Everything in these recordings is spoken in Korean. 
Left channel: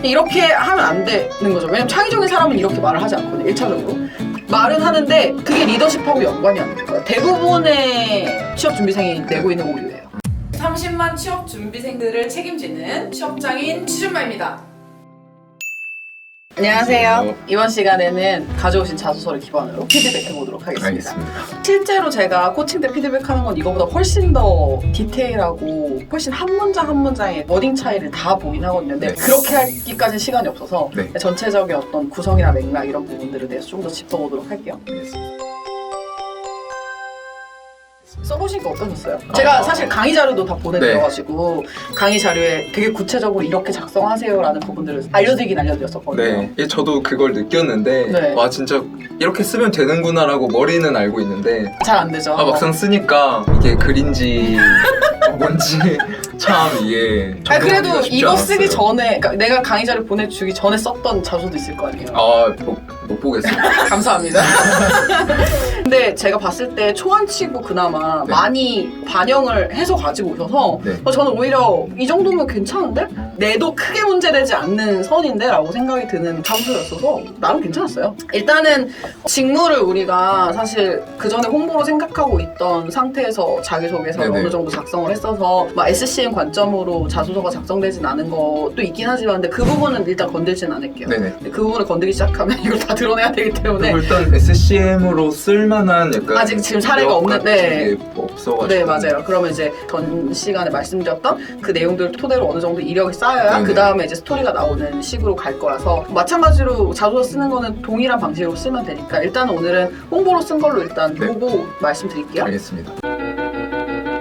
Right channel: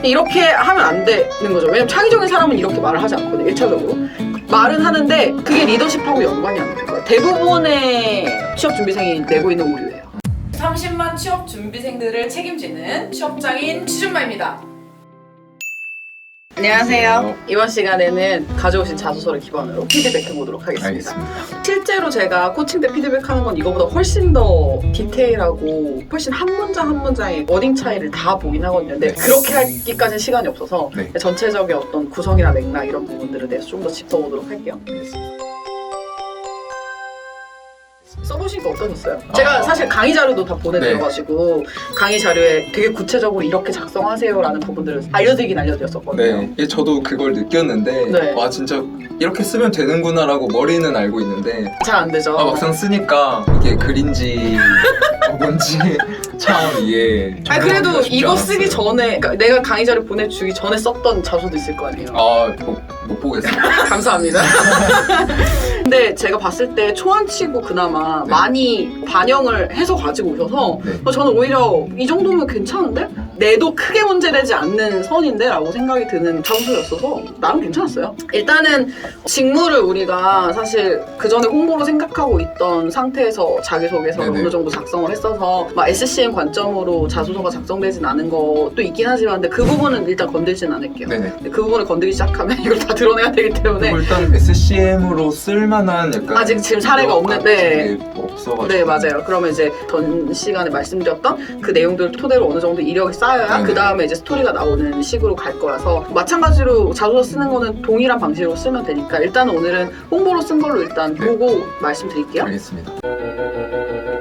이렇게 하면 안 되는 거죠. 왜냐면 창의적인 사람은 이렇게 말을 하지 않거든요. 1차적으로. 말은 하는데 그게 리더십하고 연관이 안 돼요. 대부분의 취업준비생이 내고 있는 오류예요. 30만 취업준비생들을 책임지는 취업장인 취준마입니다. 안녕하세요. 이번 시간에는 가져오신 자소서를 기반으로 피드백해보도록 하겠습니다. 알겠습니다. 실제로 제가 코칭 때 피드백하는 건 이거보다 훨씬 더 디테일하고 훨씬 한 문장 한 문장의 워딩 차이를 다 보긴 하거든요. 근데 네. 그렇게 하기까지는 시간이 없어서 네. 전체적인 어떤 구성이나 맥락 이런 부분들에 대해서 좀 더 짚어보도록 할게요. 써보시니까 어떠셨어요? 제가 사실 강의 자료도 다 보내드려가지고 강의 자료에 되게 구체적으로 이렇게 작성하세요라는 부분들을 알려드렸었거든요. 네, 저도 그걸 느꼈는데 네. 와 진짜 이렇게 쓰면 되는구나라고 머리는 알고 있는데 잘 안 되죠. 막상 쓰니까 이게 글인지 뭔지 참 이게 아니 그래도 적응하기가 쉽지 이거 않았어요. 쓰기 전에 그러니까 내가 강의 자료 보내주기 전에 썼던 자소도 있을 거 아니에요. 못 보겠어요. 감사합니다. 근데 제가 봤을 때 초안치고 그나마 네. 많이 반영을 해서 가지고 오셔서 네. 저는 오히려 이 정도면 괜찮은데? 내도 크게 문제되지 않는 선인데? 라고 생각이 드는 자소서였어서 나름 괜찮았어요. 일단은 직무를 우리가 사실 그 전에 홍보로 생각하고 있던 상태에서 자기소개서를 네네. 어느 정도 작성을 했어서 막 SCM 관점으로 자소서가 작성되진 않은 것도 있긴 하지만 근데 그 부분은 일단 건들진 않을게요. 네네. 근데 그 부분을 건드리기 시작하면 이걸 다 드러내야 되기 때문에 그리고 일단 SCM으로 쓸만한 약간 아직 지금 사례가 것 없는데 같은 게 없어가지고 네 맞아요. 그러면 이제 전 시간에 말씀드렸던 그 내용들을 토대로 어느 정도 이력이 쌓여야 네네. 그 다음에 이제 스토리가 나오는 식으로 갈 거라서 마찬가지로 자소서 쓰는 거는 동일한 방식으로 쓰면 되니까 일단 오늘은 홍보로 쓴 걸로 일단 네. 보고 말씀드릴게요. 알겠습니다.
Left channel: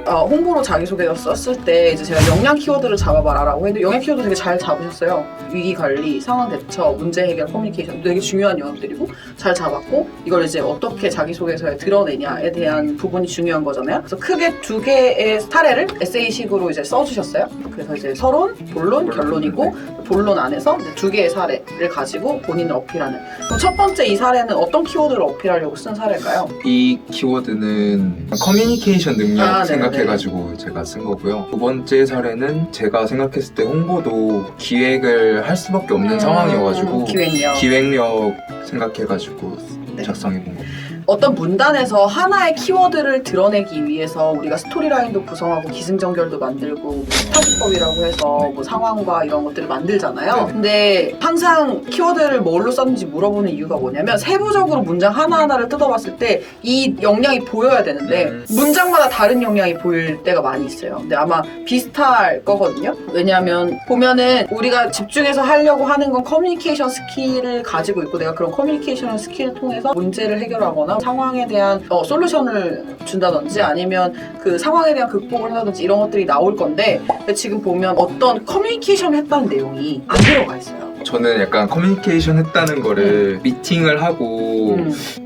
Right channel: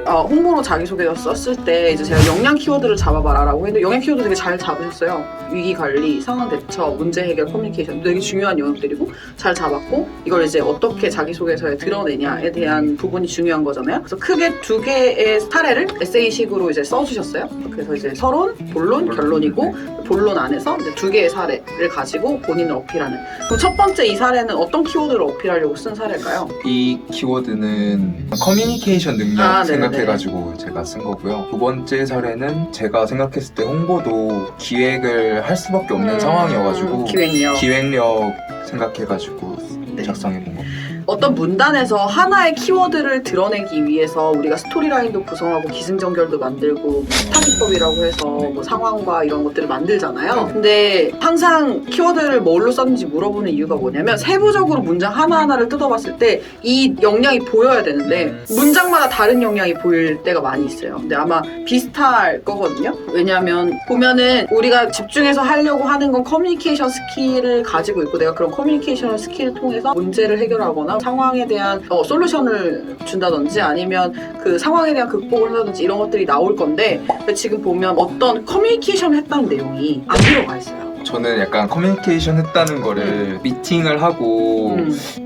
홍보로 자기소개서 썼을 때 이제 제가 역량 키워드를 잡아봐라라고 했는데 역량 키워드 되게 잘 잡으셨어요. 위기관리, 상황대처, 문제해결, 커뮤니케이션 되게 중요한 영역들이고 잘 잡았고 이걸 이제 어떻게 자기소개서에 드러내냐에 대한 부분이 중요한 거잖아요. 그래서 크게 두 개의 사례를 에세이식으로 이제 써주셨어요. 그래서 이제 서론, 본론, 결론이고 본론 안에서 이제 두 개의 사례를 가지고 본인을 어필하는. 그럼 첫 번째 이 사례는 어떤 키워드를 어필하려고 쓴 사례일까요? 이 키워드는 커뮤니케이션 능력 네네네. 생각해가지고 제가 쓴 거고요. 두 번째 사례는 제가 생각했을 때 홍보도 기획을 할 수밖에 없는 상황이어가지고 기획력 생각해가지고 네. 작성해본 거예요. 어떤 문단에서 하나의 키워드를 드러내기 위해서 우리가 스토리라인도 구성하고 기승전결도 만들고 타깃법이라고 해서 뭐 상황과 이런 것들을 만들잖아요. 네. 근데 항상 키워드를 뭘로 썼는지 물어보는 이유가 뭐냐면 세부적으로 문장 하나하나를 뜯어봤을 때 이 역량이 보여야 되는데 문장마다 다른 역량이 보일 때가 많이 있어요. 근데 아마 비슷할 거거든요. 왜냐면 보면은 우리가 집중해서 하려고 하는 건 커뮤니케이션 스킬을 가지고 있고 내가 그런 커뮤니케이션 스킬을 통해서 문제를 해결하거나 상황에 대한 솔루션을 준다든지 아니면 그 상황에 대한 극복을 한다든지 이런 것들이 나올 건데 지금 보면 어떤 커뮤니케이션을 했다는 내용이 안 들어가 있어요. 저는 약간 커뮤니케이션 했다는 거를 미팅을 하고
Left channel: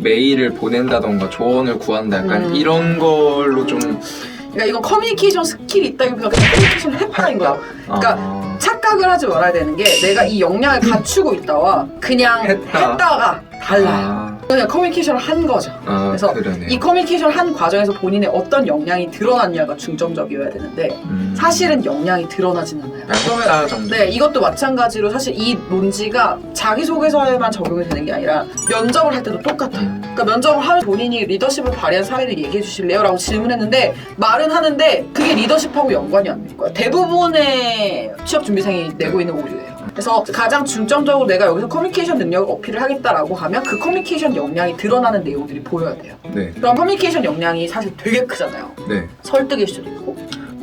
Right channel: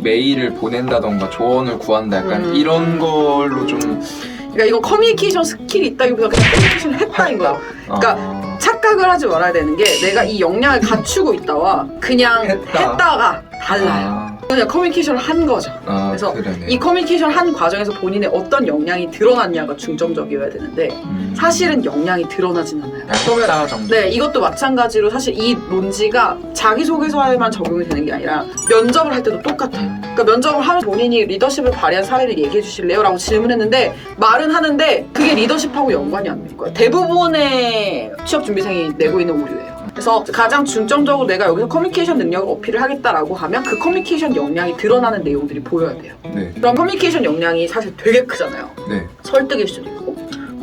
메일을 보낸다던가 조언을 구한다 약간 이런 걸로 좀 그러니까 이건 커뮤니케이션 스킬이 있다기보다 그냥 커뮤니케이션을 했다는 거야. 그러니까 착각을 하지 말아야 되는 게 내가 이 역량을 갖추고 있다와 그냥 했다가 달라요. 그냥 커뮤니케이션을 한 거죠. 그래서 그러네. 이 커뮤니케이션 한 과정에서 본인의 어떤 역량이 드러났냐가 중점적이어야 되는데 사실은 역량이 드러나진 않아요. 했다 정도. 네, 이것도 마찬가지로 사실 이 논지가 자기소개서에만 적용이 되는 게 아니라 면접을 할 때도 똑같아요. 그러니까 면접을 하면 본인이 리더십을 발휘한 사례를 얘기해 주실래요? 라고 질문했는데 말은 하는데 그게 리더십하고 연관이 안 될 거예요. 대부분의 취업준비생이 내고 있는 오류예요. 그래서 가장 중점적으로 내가 여기서 커뮤니케이션 능력을 어필을 하겠다라고 하면 그 커뮤니케이션 역량이 드러나는 내용들이 보여야 돼요. 네. 그럼 커뮤니케이션 역량이 사실 되게 크잖아요. 네. 설득일 수도 있고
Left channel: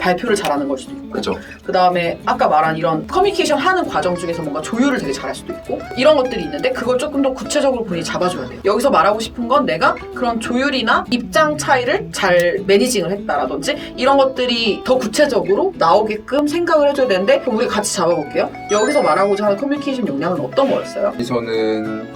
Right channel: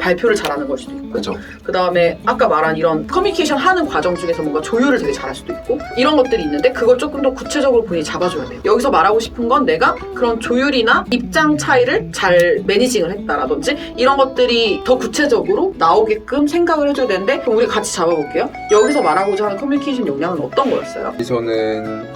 발표를 잘하는 걸 수도 있고 그죠. 그 다음에 아까 말한 이런 커뮤니케이션 하는 과정 중에서 뭔가 조율을 되게 잘할 수도 있고 이런 것들이 있는데 그걸 조금 더 구체적으로 본인이 잡아줘야 돼요. 여기서 말하고 싶은 건 내가 그런 조율이나 입장 차이를 잘 매니징을 했다라든지 이런 것들이 더 구체적으로 나오게끔 생각을 해줘야 되는데 그럼 우리 같이 잡아볼게요. 여기서 말하고자 하는 커뮤니케이션 역량은 어떤 거였어요?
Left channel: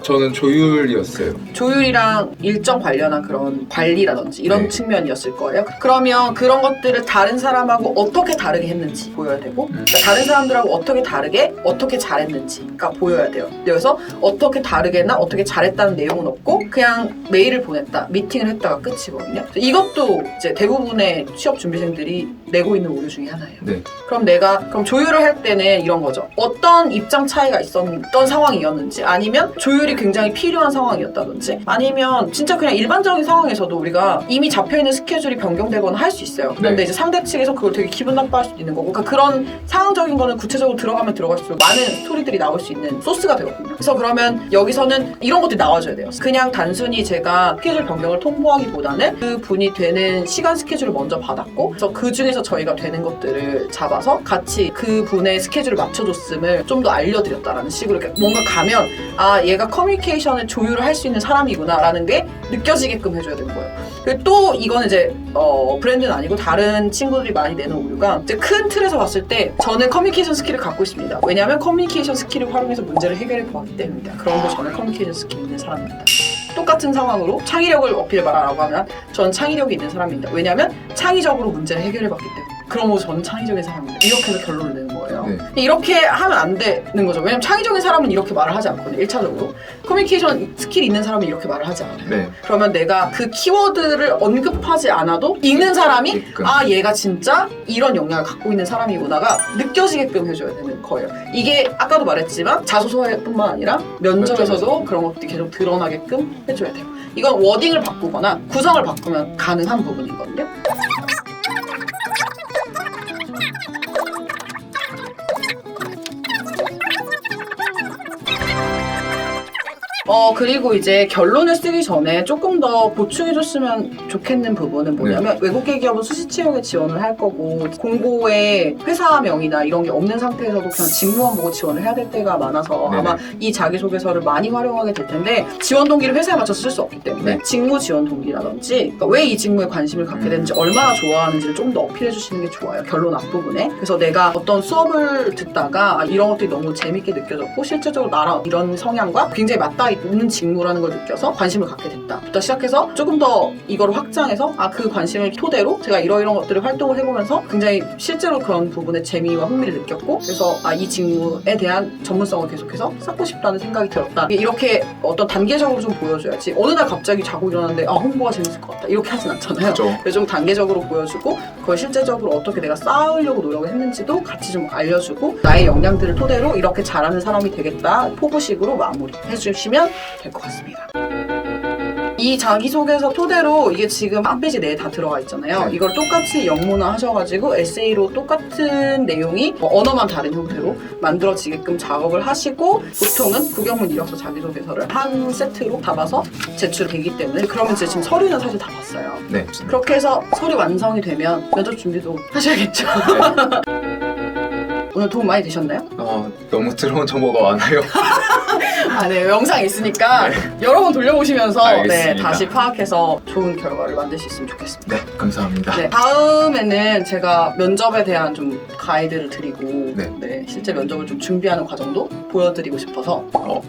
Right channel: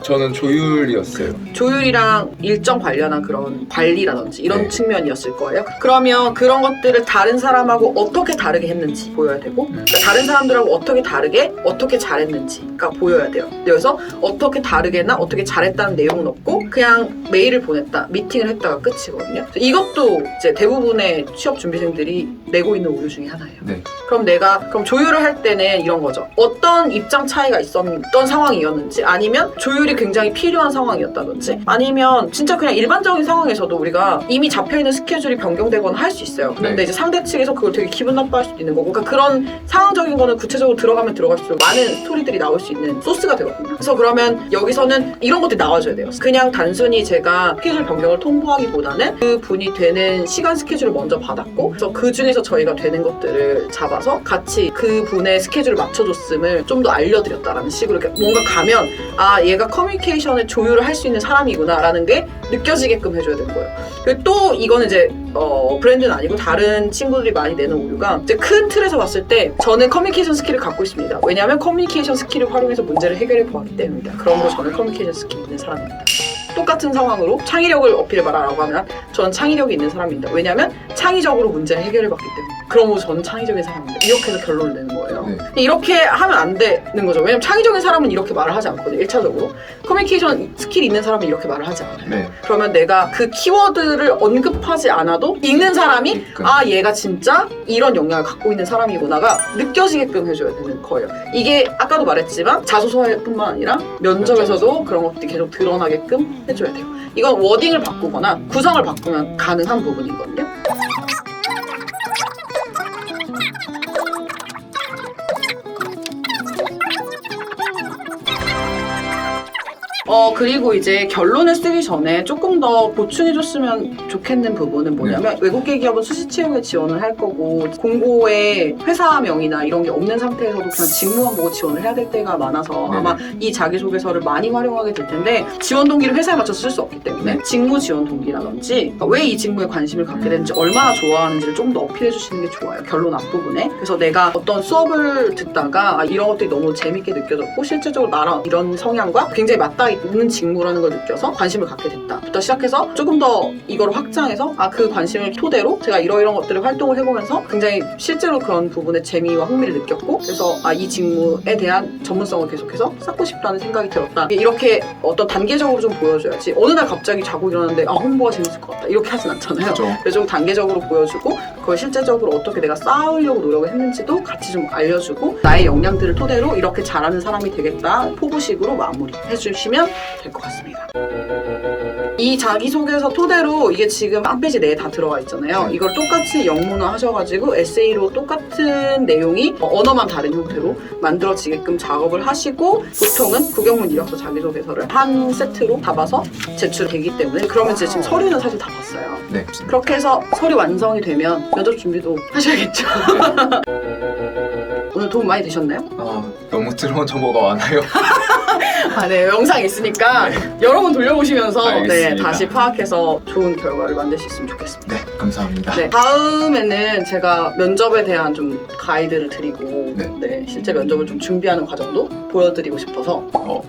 저는 조율이었어요. 조율이랑 일정 관련한 그런 관리라든지 이런 네. 측면이었을 거예요. 그러면 그런 것들을 다른 사람하고 어떻게 다르게 했는지 보여야 되고 그러니까 다른 사람들하고 어떻게 다르게 어떻게 잘했는지가 보여야 돼요. 여기서 어떻게 다르게나 어떻게 잘했다는 내용은 없고 그냥 메일을 보냈다, 미팅을 했다가 끝이거든요. 이것도 이제 대부분의 취업 준비생들이 내고 있는 우유 중에 하나예요. 네. 그럼 조율을 할 때는 이런 거죠. 어떤 입장 차이가 있었던 상황이었는지, 아니면 조율이 굉장히 필요한 상황이었다든지, 아니면 진짜 그냥 일반적인 상황에서도 우리가 이미 잡혀있는 스케줄이 변경되거나 할 수 있어요. 그런데 네. 이제 상대 측에서 그걸 되게 기분 나빠할 수도 있는 거고, 그러니까 그런 상황적인 거는 구체적으로 들어가면 들어갈수록 많은 스토리들이 나올 수 있는 소스가 되거든요. 그래서 그러면 여기서는 이런 것들이 나와줘야 돼요. 그냥 단순히 제가 스케줄 변경을 통보하기보다는 그 분이 되는 시간 스케줄을 먼저 받았고, 그래서 그 중에서 저희가 되는 것들을 잡아서 같이 그 분의 스케줄을 맞춰줬음을 좀 더 알려드렸다라는 식으로 이렇게 뭔가 가면 아, 얘가 커뮤니케이션을 조율을 할 수 있는 사람이구나 라는 게 느껴지게끔 해줘야 되는 거예요. 그리고 또 이거는 이제 브랜드는 아니고 다른 친구들이 많이 내는 우유가 이제 큰 틀에서 봤을 때 저는 커뮤니케이션 스킬을 갖고 있습니다. 왜냐하면 커뮤니케이션 스킬을 활용해서 문제를 해결해 보았기 때문입니다. 그런데 저는 커뮤니케이션 스킬이 있는 사람입니다. 똑같은 상황으로 창의력을 어필해봐라라고 하면 전 창의력이 있는 사람입니다. 왜냐하면 창의적으로 문제를 해결해봤기 때문에. 그러므로 저는 창의적인 사람입니다. 이렇게 해서 결론을 내는 거예요. 네. 이렇게 하면 안 되는 거죠. 왜냐면 창의적인 사람은 이렇게 말을 하지 않거든요. 1차적으로. 커뮤니케이션 스킬이 있는 사람은 이렇게 말을 하지 않아요. 네. 그러면 내가 그 키워드를 언급하지 않아도 읽는 사람이 있게끔. 아, 얘가 진짜 이런 역량을 갖고 있는 사람이구나가 느껴지게끔 해줘야 되는 거예요. 이게 아까도 말했지만 자소서뿐만 아니라 면접에서도 그런 것들이 계속 드러나게끔 해줘야 돼요. 이건 워딩을 바꾸거나 구성을 바꾸면 가능한 부분이거든요. 그리고 이제 결론을 쓰기 전에 조금 더 보충해줬으면 좋겠는 부분은 뭐냐면 외국계 기업은 수시 채용에 지원을 할 거고 공고에 회사명이나 이런 게 없는 상태에서도 그냥 직무만 보고 지원을 해야 될 때가 많아서 네네. 아마 이 자기소개서를 많이 활용하게 될 텐데 지원 동기를 회사에 맞춰서 쓸 수 없기 때문에 직무 지원 동기라든지 왜 이 직무에 관심을 갖게 되는지 얼마나 좋아하는지를 좀 더 어필해 주시는 게 좋아요. 결론 앞부분에. 그래서 내가 어떤 수업을 듣다가 이런 것들이 너무 재밌게 느껴졌고 실제적으로 나랑 이런 성향과 굉장히 맞닿아 있는 직무라는 걸 느껴서 관심을 갖게 됐다 부터 시작해서 조금 더 이걸 확장해서 그 관심을 토대로 제가 이런 것들을 활동을 해보면서 굉장히 실제로 그런 부분에 재미와 흥미를 느꼈고 그래서 이 직무에 대한 전문성을 계속해서 쌓고 싶다는 생각이 들었다. 이렇게 어떤 단계적으로 좀 보여줘야지 어느 날 갑자기 자고 일어났는데 홍보가 재밌을 것 같다 이렇게 하진 않잖아요. 그렇죠. 그래서 좀 단계적으로 보여주고 그걸 실제적으로 어떻게 내가 쌓으려고 노력을 했는지도 같이 좀 알려주고 나의 역량들을 토대로 이렇게 잘하는 사람이 되겠다 포부식으로 마무리해 주시면 될 것 같습니다. 이 자기소개서 토대로 이게 지금 한 페이지 내에 다 들어가 있잖아요. 이걸 똑같이 영문화 하셔가지고 에세이로 똑같은 내용이 언어만 다른 형태로 만들어지게끔 작업을 하시고 보통은 구경문 이력서 자기소개서를 한 세트로 담아서 제출되기 때문에 그러면 이제 지금 서류는 사실 다 봤어요. 네. 그렇게 해서 서류 완성이 되면 면접 준비도 하셔야겠죠. 오늘 도움 많이 되셨나요? 너무 들어온 정보가 많아요. 네, 영상이 있으니까 여러 번 돌려보시면서 알겠습니다. 다시 파악해서 좋은 결과를 만들 수 있으면 좋겠습니다. 네, 감사합니다. 네, 다음에는 제가 면접에 대한 좀 가이드를 드리고 실제 면접을 좀 준비하는 과정도 보여드리고 싶어서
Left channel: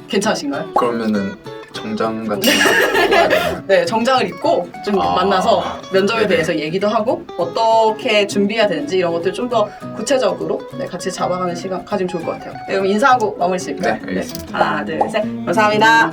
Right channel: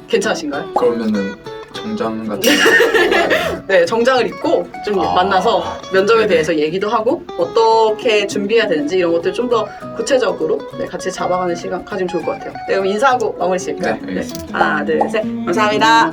괜찮으신가요? 그러면은 정장 같은 네, 정장을 입고 좀 만나서 면접에 네네. 대해서 얘기도 하고 어떻게 준비해야 되는지 이런 것들 좀 더 구체적으로 같이 잡아가는 시간 가지면 좋을 것 같아요. 네, 그럼 인사하고 마무리 지을까요? 네, 알겠습니다. 하나, 둘, 셋. 감사합니다.